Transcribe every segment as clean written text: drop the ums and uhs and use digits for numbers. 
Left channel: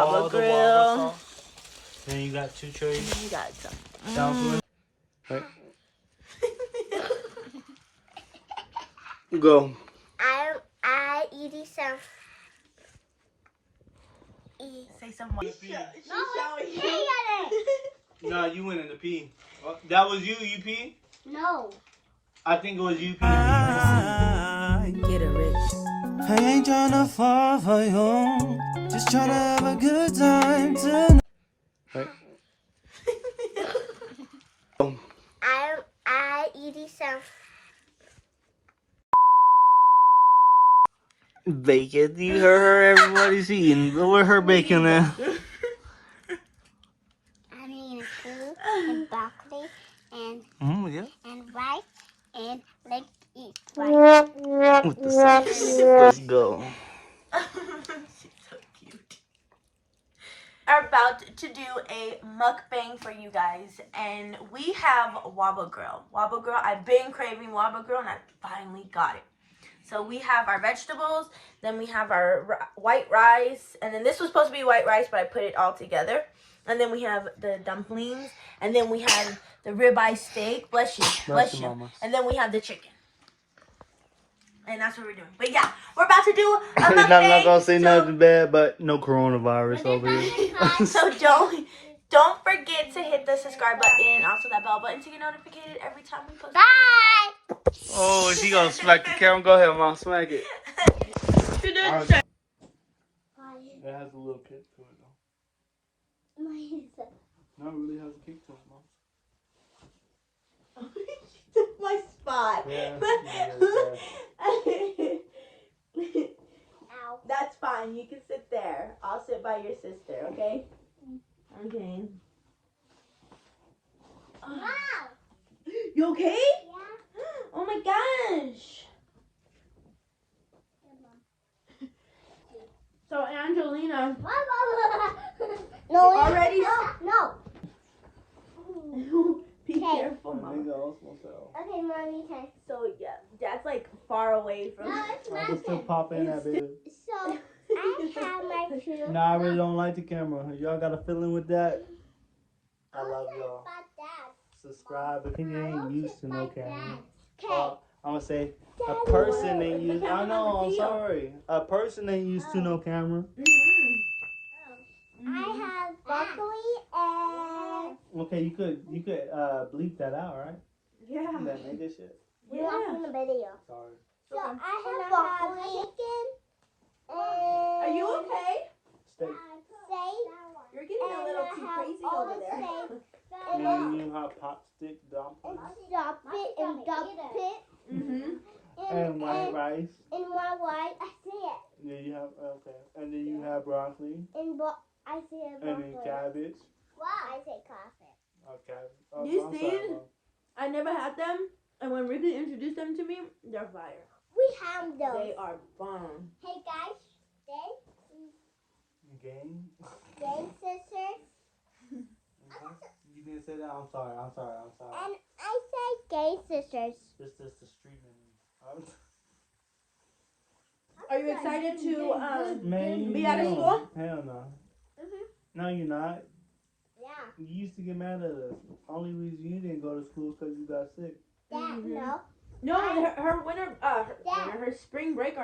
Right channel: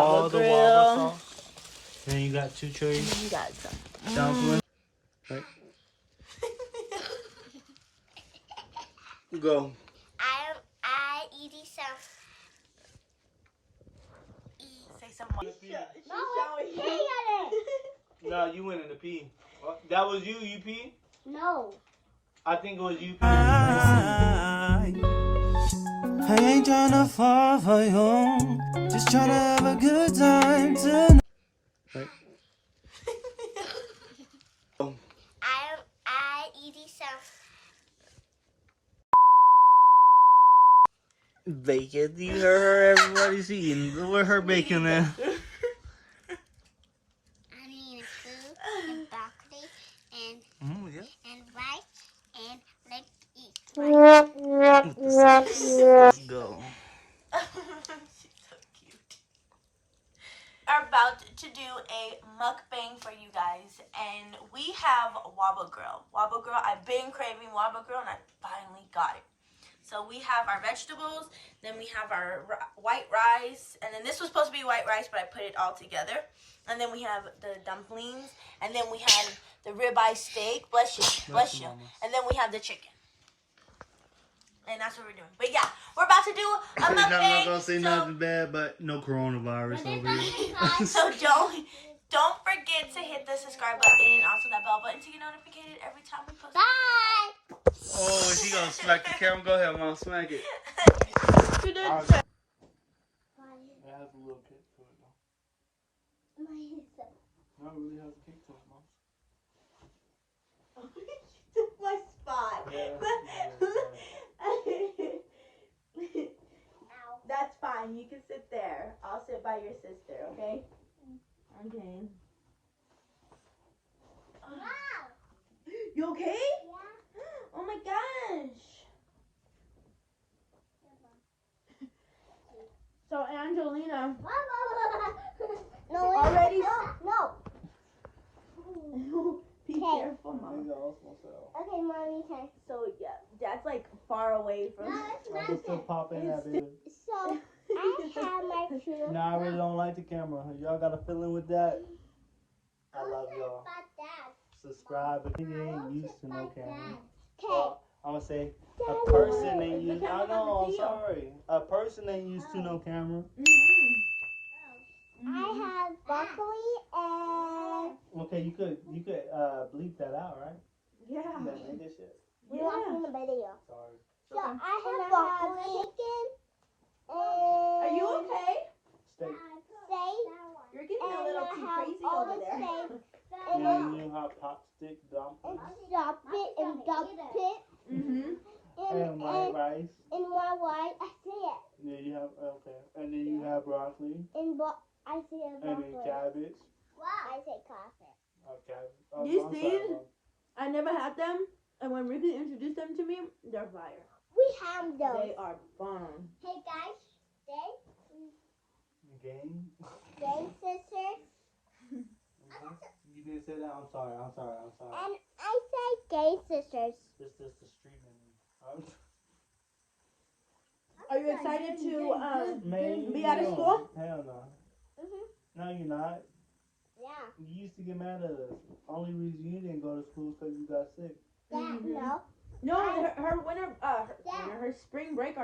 Waba grill. Then you got two cherries. You got some. Southwest. Go. I eating some. Say some more. No, you went in the pee. That was you. You pee? No. I think it was you. Get it, Rich. I ain't tryna fall for you. Just tryna have a good time tonight. I eating some. Bacon. You heard her. Everybody's eating. Where her bacon at? I'm eating food and broccoli and rice and let's eat rice. With the sauce. Let's go. She's so cute. Are about to do a mukbang for you guys, and we have Waba Grill. Waba Grill. I've been craving Waba Grill, and I finally got it. So we have our vegetables, then we have our white rice, and then this was supposed to be white rice, but I put it all together. And then we have the dumplings, and then we have the ribeye steak. Bless you, bless you. And then we have the chicken. And that's what we're doing. But yeah, we're about to do a mukbang. I'm not gonna say nothing bad, but no coronavirus over here. So don't forget to hit the subscribe button and also that bell button so you're notified every time we post. Bye. Oh, she gonna smack the camera. Go ahead, Mom, smack it. Right. That has a little kick to it, though. No, it really has a kick to it, Mom. She took my spot. That's fine. You can sit there. I'll sit by your sister, okay? Okay. Wow. You okay? Yeah. Oh my gosh. So Angelina, No. already. No. Be careful, Mama. Okay, Mommy. Okay. So yeah, Dad's like far away from. No, it's I can still not. pop in that, baby. So I have my shoe. Nah, I really don't like the camera. Y'all got a feeling with that? I love y'all. Subscribe if you ain't used to no camera. Okay. I'm gonna say a person ain't used. I know. I'm sorry. A person ain't used to no camera. I have broccoli and. Okay, you could bleep that out, right? Yeah. That nigga shit. You're watching the video. Sorry. So I have broccoli and. Are you okay? Steak. You're getting a little too crazy over there. And then you have pot stick dumplings. Stop it and dump it. And white rice. And white rice, I see it. Yeah, you have and then you have broccoli. And I see it. And then cabbage. Wow, I say coffee. Okay. These things, I never had them, and when Ricky introduced them to me, they're fire. We have those. They are bomb. Hey guys, Game. sisters. You didn't say that. I'm sorry. And I say gay sisters. This is the street name. Are you excited to Man, be out of school? Hell no. No, you're not. Yeah. You used to get mad at us. Only reason you didn't go to school is because you got sick. Dad, no. No, her spring break.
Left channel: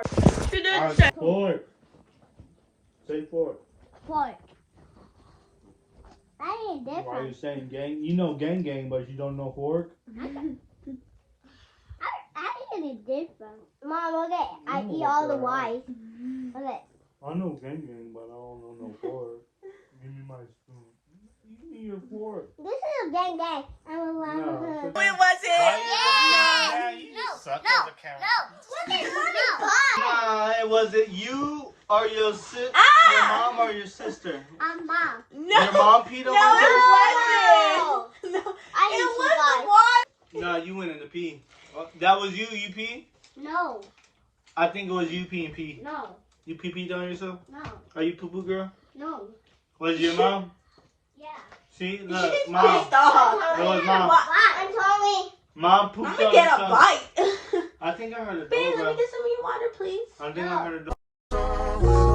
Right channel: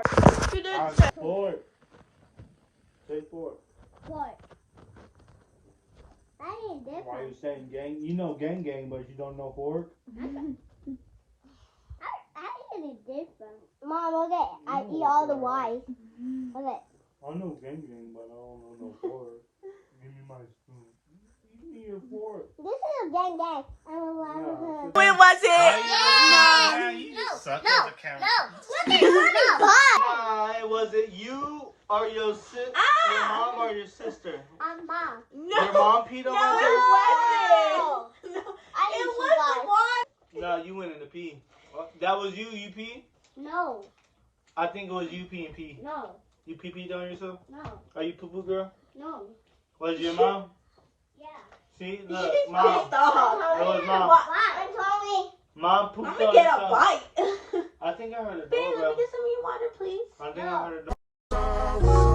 Forward. Say forward. What? I need Why are different. you saying gang? You know gang, but you don't know fork. I need different. Mom, okay. I eat all the Y's. Okay. I know gang, but I don't know no fork. Give me my spoon. Give me your fork. This is a gang. I'm a lot of her. When was it? Why was it you or your sister? Your mom or your sister? Mom. No. Your mom peed on No, my it wasn't. No, it was the water. No, you went in the pee. That was you. You pee? No. I think it was you peeing pee. No. You pee on yourself? No. Are you poo girl? No. Was it your mom? Yeah. See, look, She's mom. pissed off. It was mom. I'm Tommy. Mom pooped I'm on gonna get a herself. bite. I think I heard a Babe, let me doorbell. get some water, please. I think I heard a doorbell.